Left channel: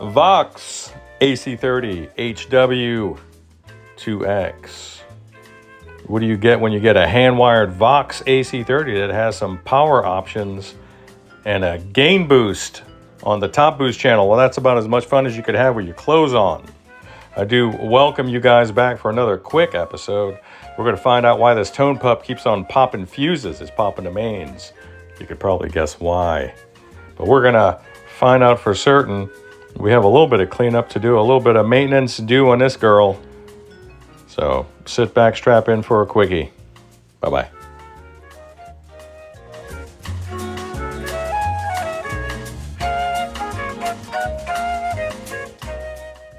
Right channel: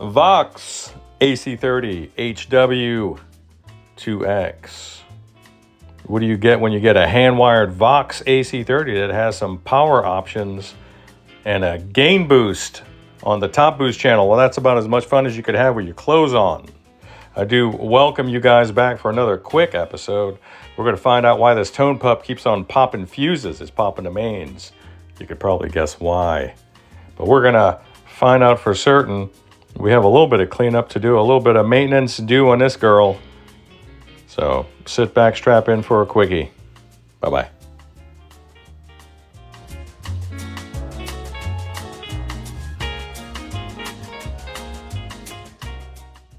Vox AC30HW2X. What do you get when you get a hand-wired Vox AC30 that has some power options and a gain boost on the top boost channel? Well, that's about as much fun as you could have with your clothes on. I do welcome you guys back for another quick episode. We're going to find out why this tone pup keeps on popping fuses. It's popping the mains. You could probably guess why. But we're going to find out for certain. We have a little bit of cleanup to do, a little bit of maintenance to do on this girl. So sit back, strap in for a quickie. Bye-bye.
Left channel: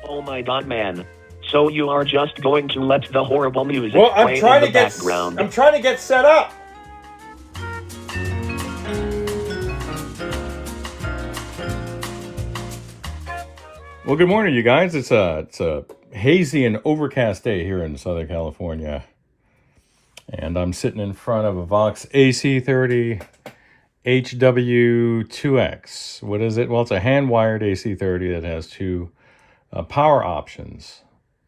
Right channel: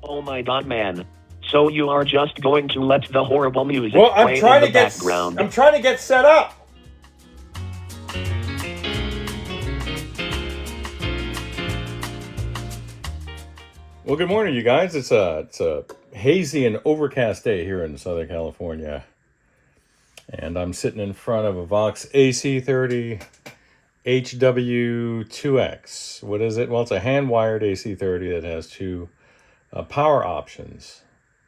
Oh my god, man. So you are just going to let the horrible music Well, play in the background? I'm trying to get set up. Well, good morning, you guys. It's a hazy and overcast day here in Southern California. And I'm sitting in front of a Vox AC30HW2X. What is it? Well, it's a hand-wired AC30 that has two power options.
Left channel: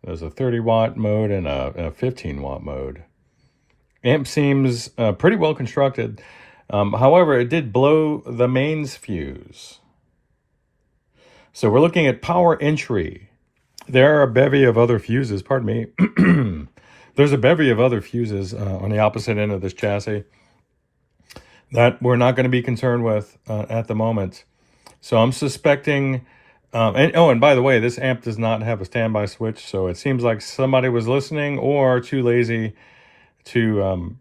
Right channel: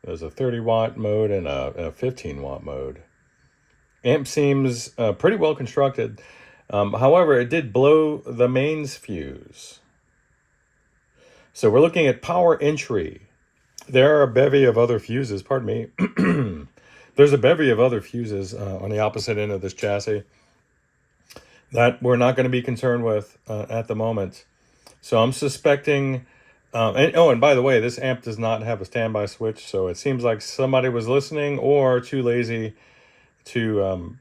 There's a 30-watt mode and a 15-watt mode. Amp seems pretty well constructed. However, it did blow the mains fuse. So we're looking at power entry. There are a bevy of other fuses, pardon me. There's a bevy of other fuses on the opposite end of this chassis that we're not going to be concerned with at the moment. So I'm suspecting, and by the way, this amp does not have a standby switch, so it seems like somebody was listening or too lazy to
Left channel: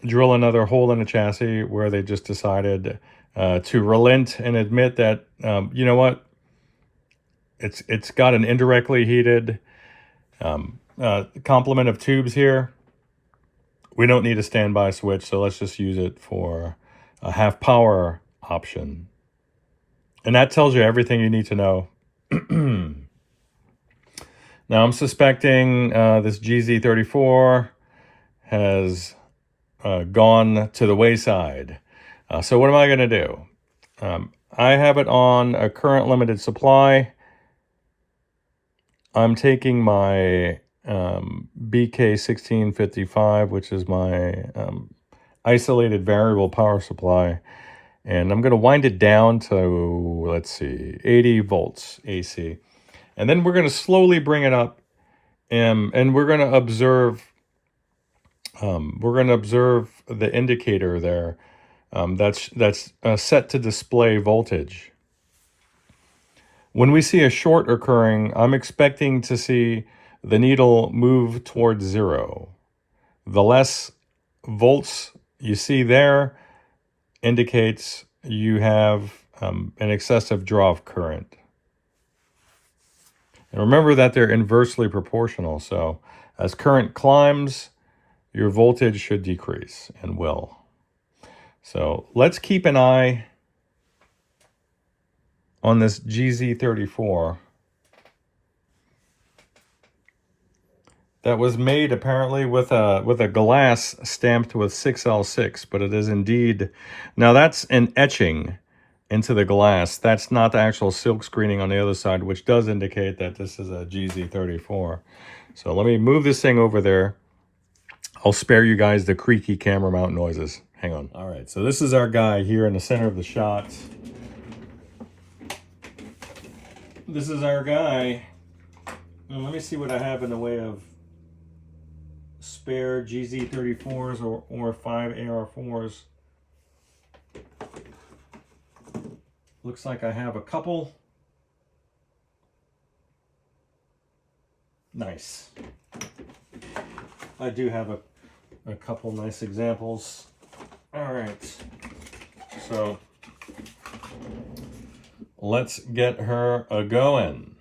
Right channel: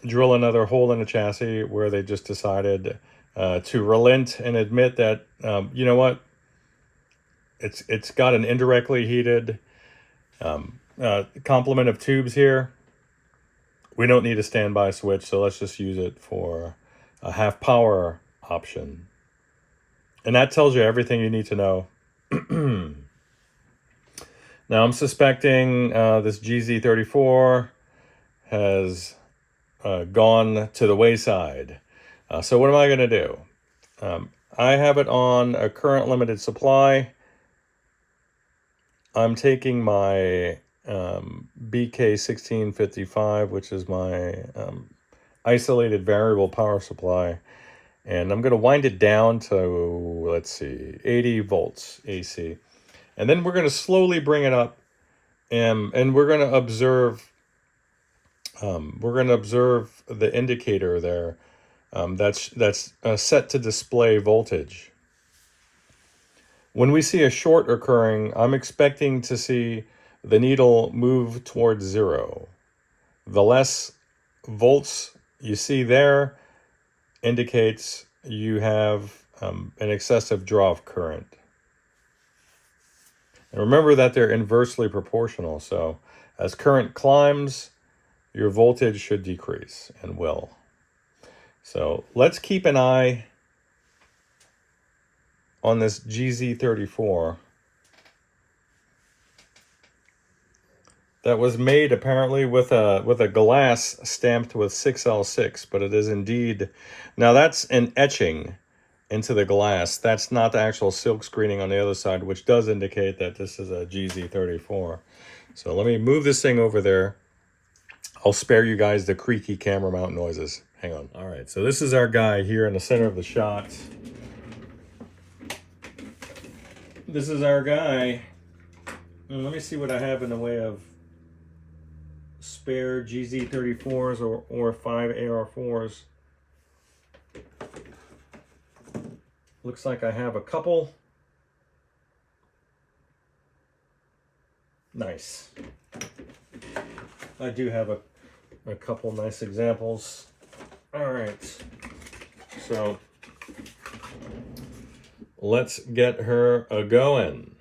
drill another hole in the chassis where they just decided to relent and admit that, you know what, it's got an indirectly heated complement of tubes here. We don't need a standby switch, so let's just use it for a half power option. And that tells you everything you need to know. Now I'm suspecting this GZ34 has gone to the wayside. So what am I going to do? I have it on a current limited supply. I'm taking my BK1655, which is my isolated variable power supply, and I'm going to wind it down to, let's see, 80 volts AC. And then we're going to slowly bring it up, and we're going to observe the indicator there. That's set to display voltage. When we see a short occurring, I'm expecting to see the needle move towards zero. The less volts you see there indicates you have an excessive draw of current. And remember that they're inversely proportional, so as current climbs, your voltage should decrease, and will. So let's keep an eye on this GZ34 that was made apparently with a glass stamped with 6L6, but it is indeed, now that's an etching into the glass. That's not the actual silk screening on the other side, which does indicate that this is a GZ34. So let me move this thing over there. I'll spare you guys the creaky camera mount noises. Hang on. All right, so this is our guy here in the center of the shot. This is our guy. Let me see what I have in the way of spare GZ34s or 5 AR4s. Looks like I have a couple. Nice. I do have a couple nice examples. All right. So let's get her a-going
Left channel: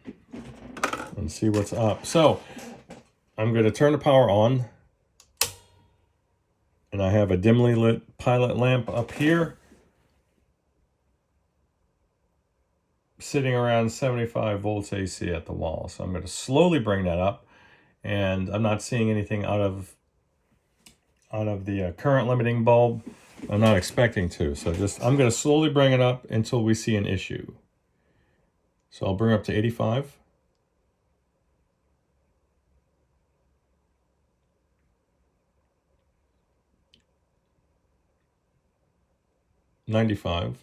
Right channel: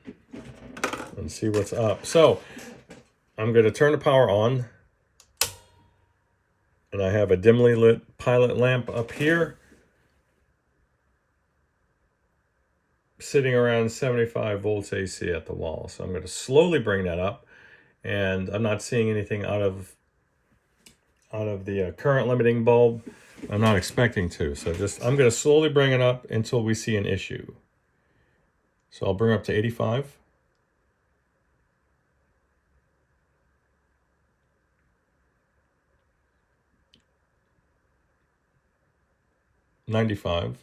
and see what's up. So I'm going to turn the power on, and I have a dimly lit pilot lamp up here sitting around 75 volts AC at the wall. So I'm going to slowly bring that up, and I'm not seeing anything out of the current limiting bulb. I'm not expecting to, so I'm going to slowly bring it up until we see an issue. So I'll bring up to 85. $95.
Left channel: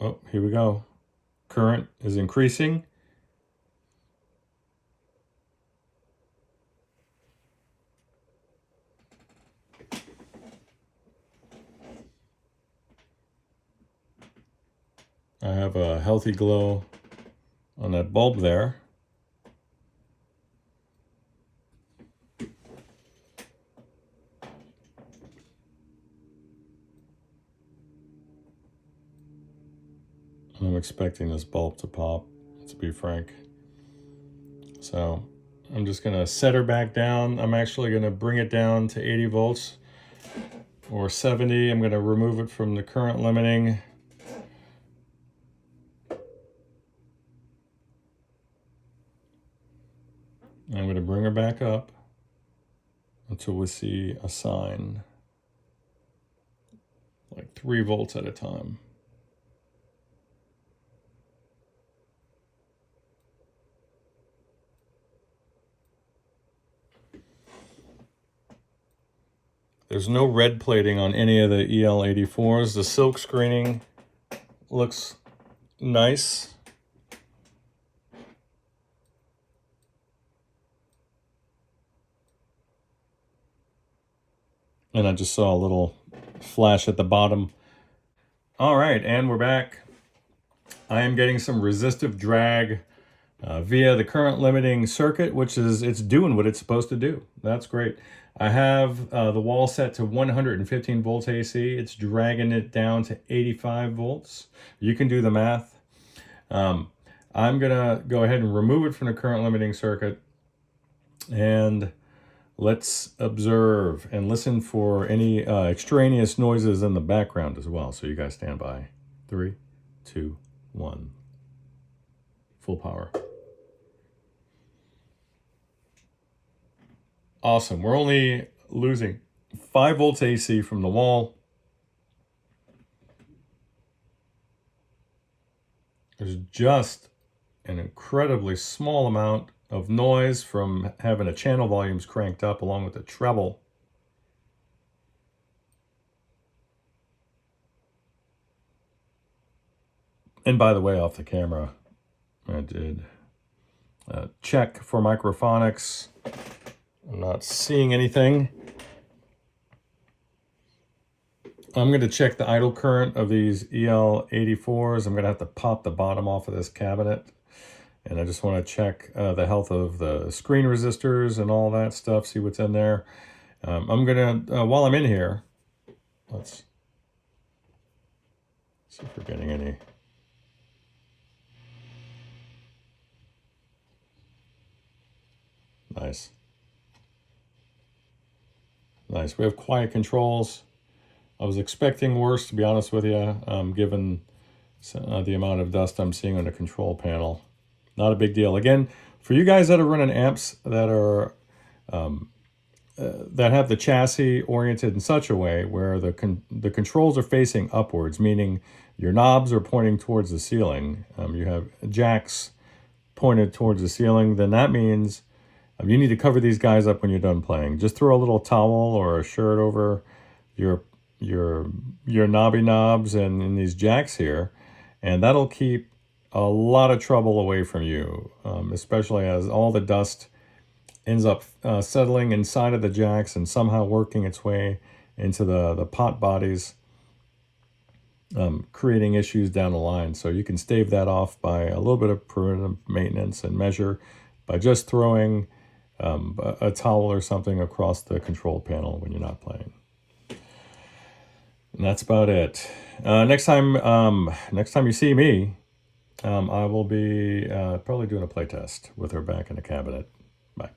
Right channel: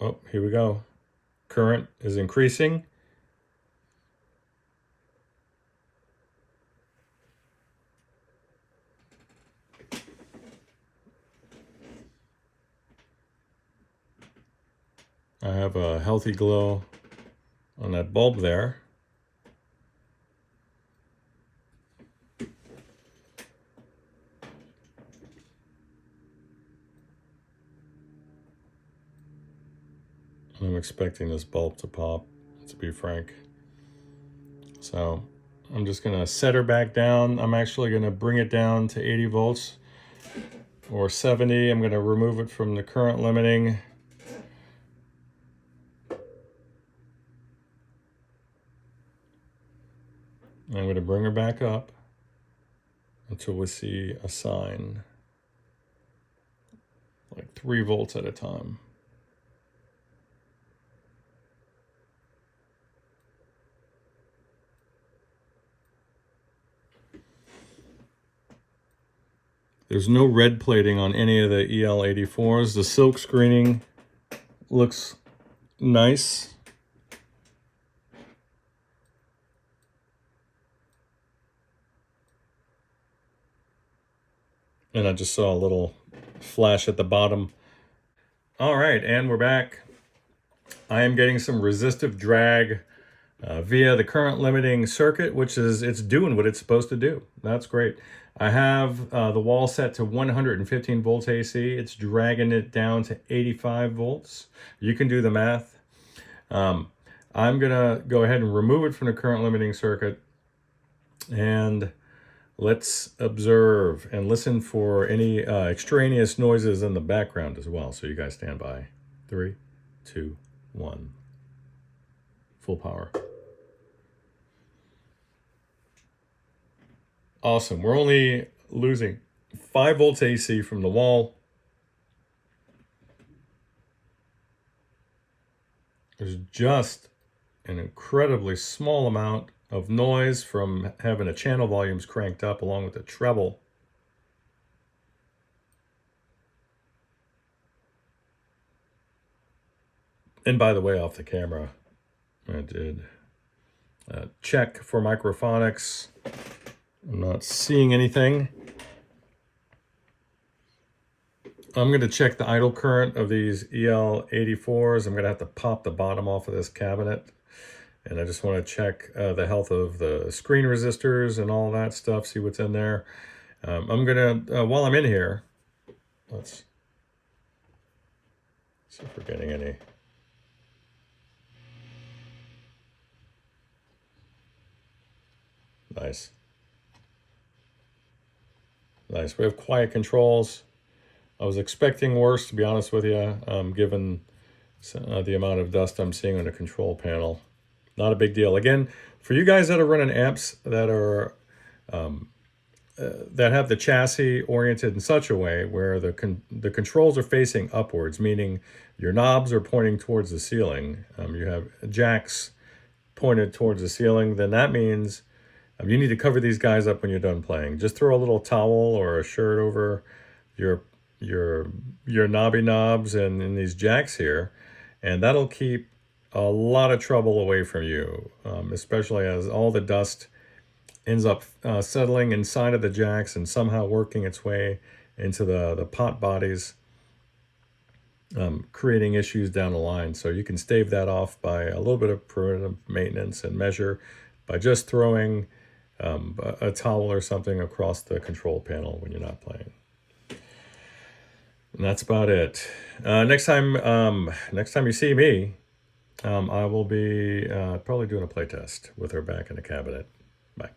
Oh, here we go. Current is increasing. I have a healthy glow on that bulb there. I'm expecting this bulb to pop, to be frank. So I'm just gonna set her back down. I'm actually gonna bring it down to 80 volts or 70. I'm gonna remove it from the current limiting. I'm gonna bring her back up until we see a sign, like 3 volts at a time. There's no red plating on any of the EL84s. The silk screening looks nice. And I just saw a little flash at the bottom. All right, and we're back. I am getting some resistive drag via the current limiting circuit, which is, it's doing what it's supposed to do. That's great. I have the wall set to 115 volts AC. It's dragging it down to 85 volts. You can do the math. I'm gonna go ahead and remove it from the current limiting circuit, and let's observe and listen for any extraneous noises in the background as well. So you guys stand by. 3, 2, 1. Full power. Awesome. We're only losing 5 volts AC from the wall. There's just an incredibly small amount of noise from having the channel volumes cranked up along with the treble. And by the way, off the camera, I did check for microphonics. I'm not seeing anything. I'm going to check the idle current of these EL84s. I'm going to have to pop the bottom off of this cabinet. And I just want to check the health of the screen resistors and all that stuff, see what's in there. I'm going to, while I'm in here, let's see if we're getting any. Nice. Nice. We have quiet controls. I was expecting worse, to be honest with you, given the amount of dust I'm seeing on the control panel. Not a big deal. Again, for you guys that are running amps that are that have the chassis oriented in such a way where the controls are facing upwards, meaning your knobs are pointing towards the ceiling, you have jacks pointed towards the ceiling, then that means you need to cover these guys up when you're done playing. Just throw a little towel or a shirt over your knobby knobs and these jacks here, and that'll keep a lot of trouble away from you, especially as all the dust ends up settling inside of the jacks and somehow working its way into the pot bodies, creating issues down the line. So you can stave that off by a little bit of preventative maintenance and measure by just throwing a towel or something across the control panel when you're not playing. And that's about it. Next time you see me, I will be probably doing a play test with her back in the cabinet. Bye.